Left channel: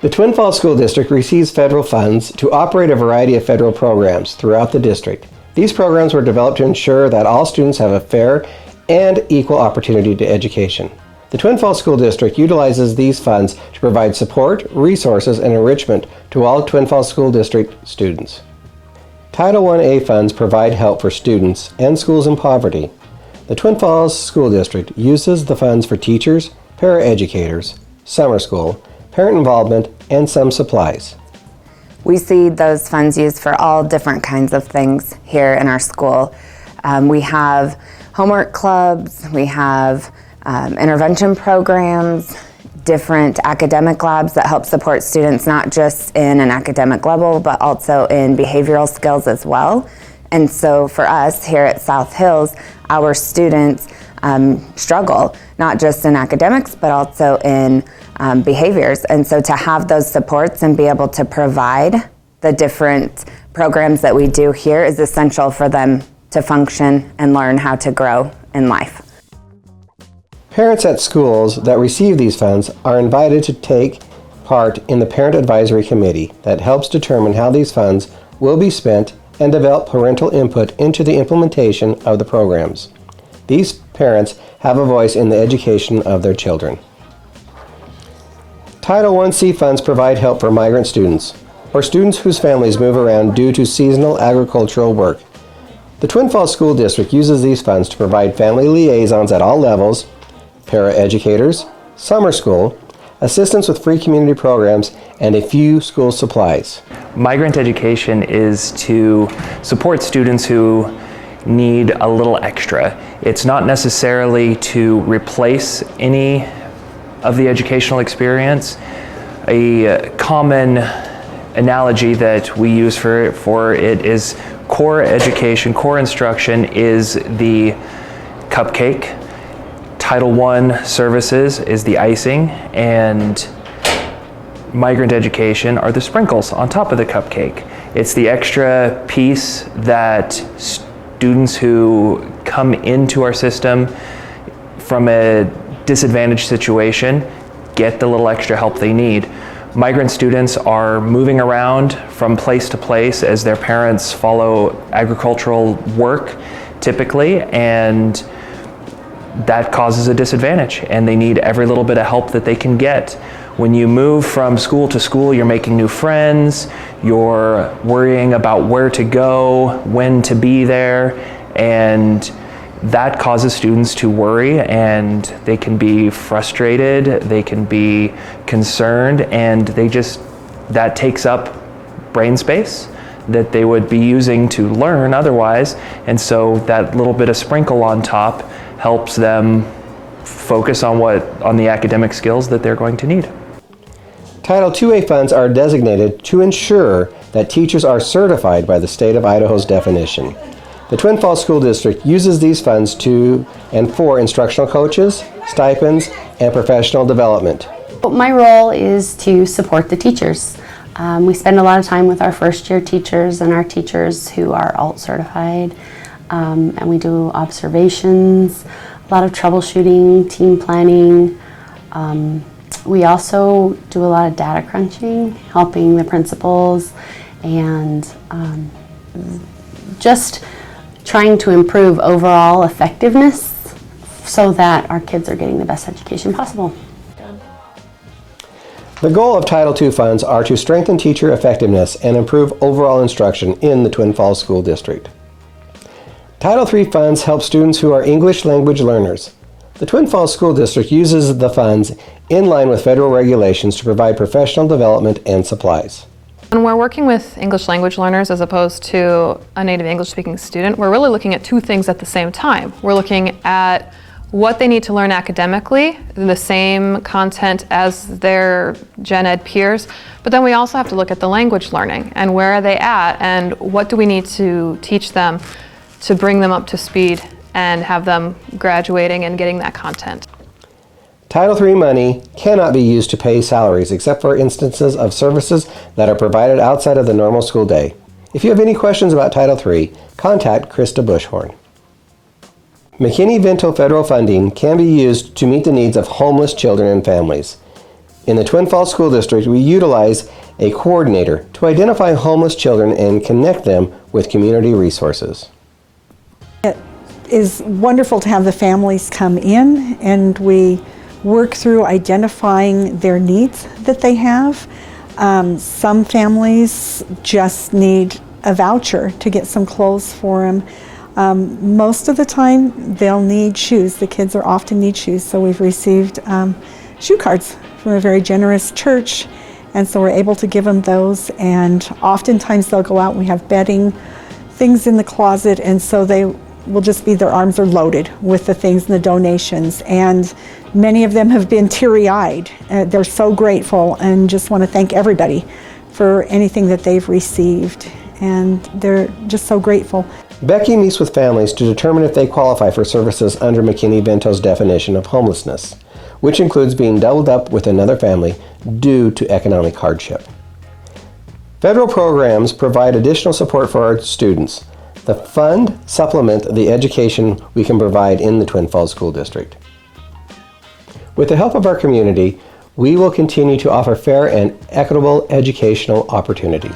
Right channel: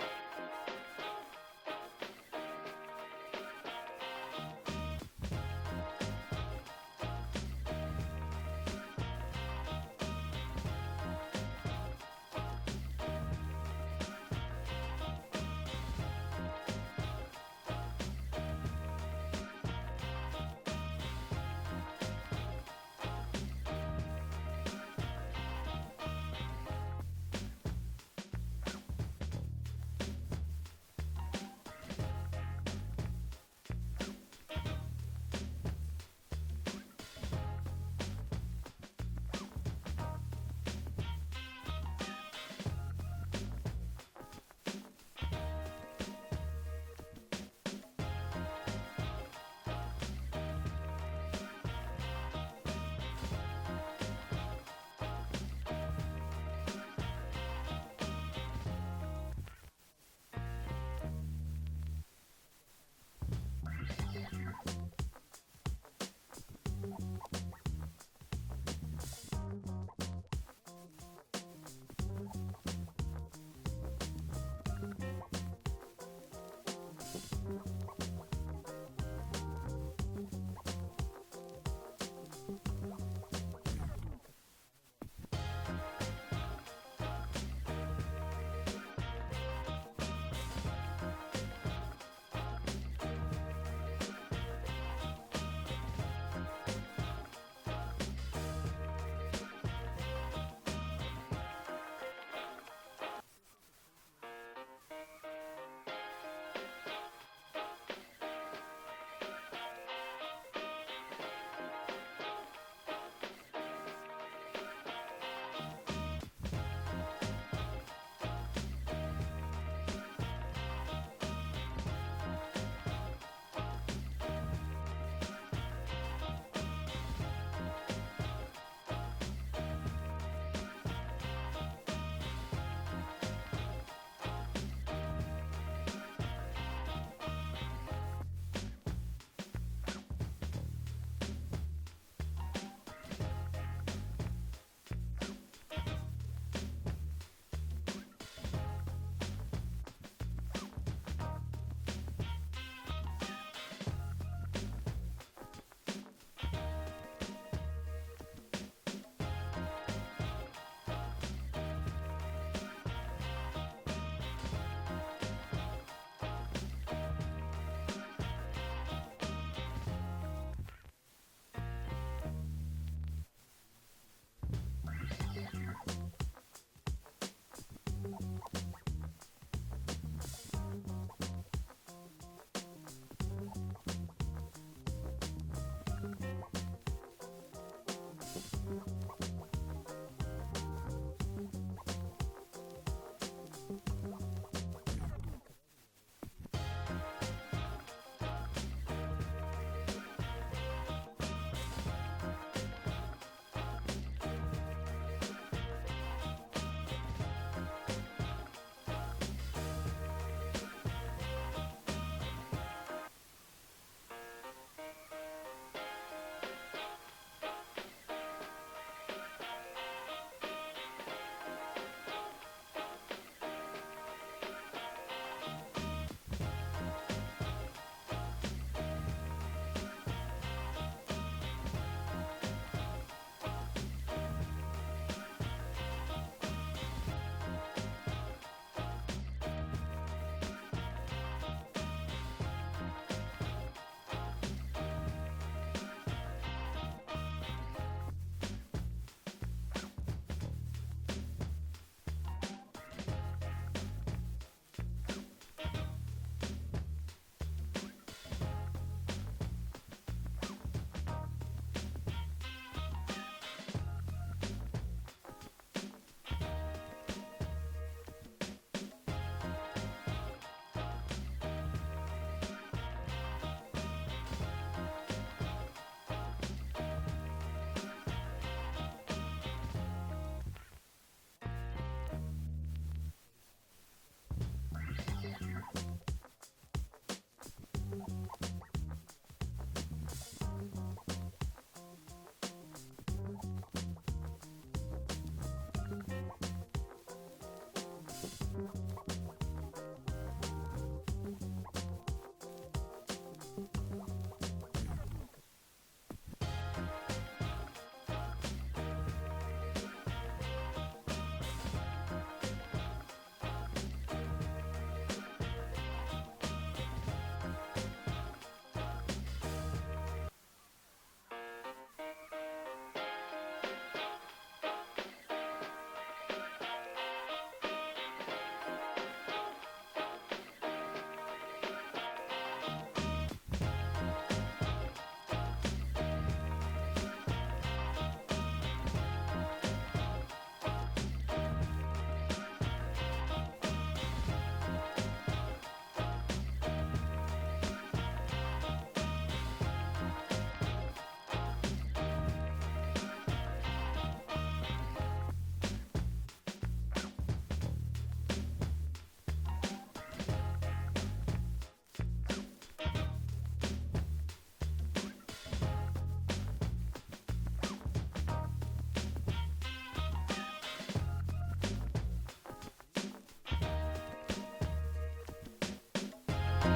The Twin Falls School District receives federal funds to operate a variety of federal programs throughout the district. These programs were developed to ensure that all students have a fair and equal opportunity to education. The Twin Falls School District utilizes these funds to provide support, resources, and enrichment to all Twin Falls School District students. Title I-A funds provide help for students and schools in poverty. The Twin Falls School District uses the funds for teachers, paraeducators, summer school, parent involvement, and some supplies. We see those funds used for all different kinds of things here in our school. We have homework clubs, we have intervention programs, different academic labs that help support students not just in an academic level, but also in behavioral skills as well. And so for us here at South Hills, our students struggle, not just in academics, but also in behaviors. And so to have those supports and be able to provide the different programs that we do here is essential for them to function and learn how to grow in life. Parents at schools that receive these funds are invited to take part in the Parent Advisory Committee that helps determine how these funds will be spent and develop parental input into the implementation of the programs. These parents have a voice in the education of their children. Title I-C funds provide help for migrant students or students whose families move around due to seasonal agricultural work. The Twin Falls School District uses these funds to provide family liaisons at all levels, paraeducators, summer school, assistance with free community programs, and a few school supplies. Migrant education is to support students who need a little extra. It's not necessarily to replace any of the educational experience. A common analogy that we use for it is core education, core instruction is the cupcake. Title I services is the icing, and migrant education are the sprinkles on top of the cupcake. It's the extra piece that students who come into our system from a disadvantaged situation get the little extra help they need. Migrant students are moving around from place to place as their parents follow agricultural work typically, and that causes a disadvantage, and they need every little bit of help that they can get. When you move from school to school, you're making new friends, you're worrying about where to go, when to be there, and that causes students to worry, and they can be frustrated, they can be concerned, and that takes up brain space that they would be using to learn otherwise, and so that little bit of sprinkle on top helps them focus on the academic skills that they're going to need. Title II-A funds are designated to ensure that teachers are certified by the state of Idaho's definition. The Twin Falls School District uses these funds to and for instructional coaches, stipends, and professional development. My role is to support the teachers. We spend a lot of time with our first-year teachers and our teachers who are ALT certified, and we do observations, a lot of troubleshooting, team planning. We also do a lot of data crunching, helping the principals, and just trying to improve overall effectiveness so that our kids are getting the best education possible. The goal of Title II funds are to strengthen teacher effectiveness and improve overall instruction in the Twin Falls School District. Title III funds help students who are English language learners. The Twin Falls School District uses the funds in line with federal regulations to provide professional development and supplies. When we're working with English language learners as opposed to a native English speaking student, we're really looking at two things at the same time. We're looking at what they need to learn academically, the same content as their gen ed peers, but then we also have to look at the language learning and where are they at and what do we need to teach them to bring them up to speed and have them graduating and getting that content. Title III money cannot be used to pay salaries except for instances of services that are provided outside of the normal school day. If you have any questions about Title III, contact Krista Bushhorn. McKinney-Vento federal funding can be used to meet the needs of homeless children and families. In the Twin Falls School District, we utilize a coordinator to identify homeless children and connect them with community resources. It is wonderful to have the families come in and we work through identifying their needs that they have. Some families just need a voucher to get some clothes for them. Most of the time they'll need shoes. The kids are often need shoes, so we've received shoe cards from a very generous church, and so we're able to give them those, and oftentimes they'll go out and we have bedding, things in the closet, and so they will just be, their arms are loaded with the things and the donations, and many of them have been teary-eyed. They're so grateful and just want to thank everybody for anything that they've received, and they're just so grateful. Becky meets with families to determine if they qualify for services under McKinney-Vento's definition of homelessness, which includes being doubled up with another family due to economic hardship. Federal programs provide additional support for our students. The fund supplement the education we can provide in the Twin Falls School District. With the help of our community, we will continue to offer fair and equitable educational opportunities.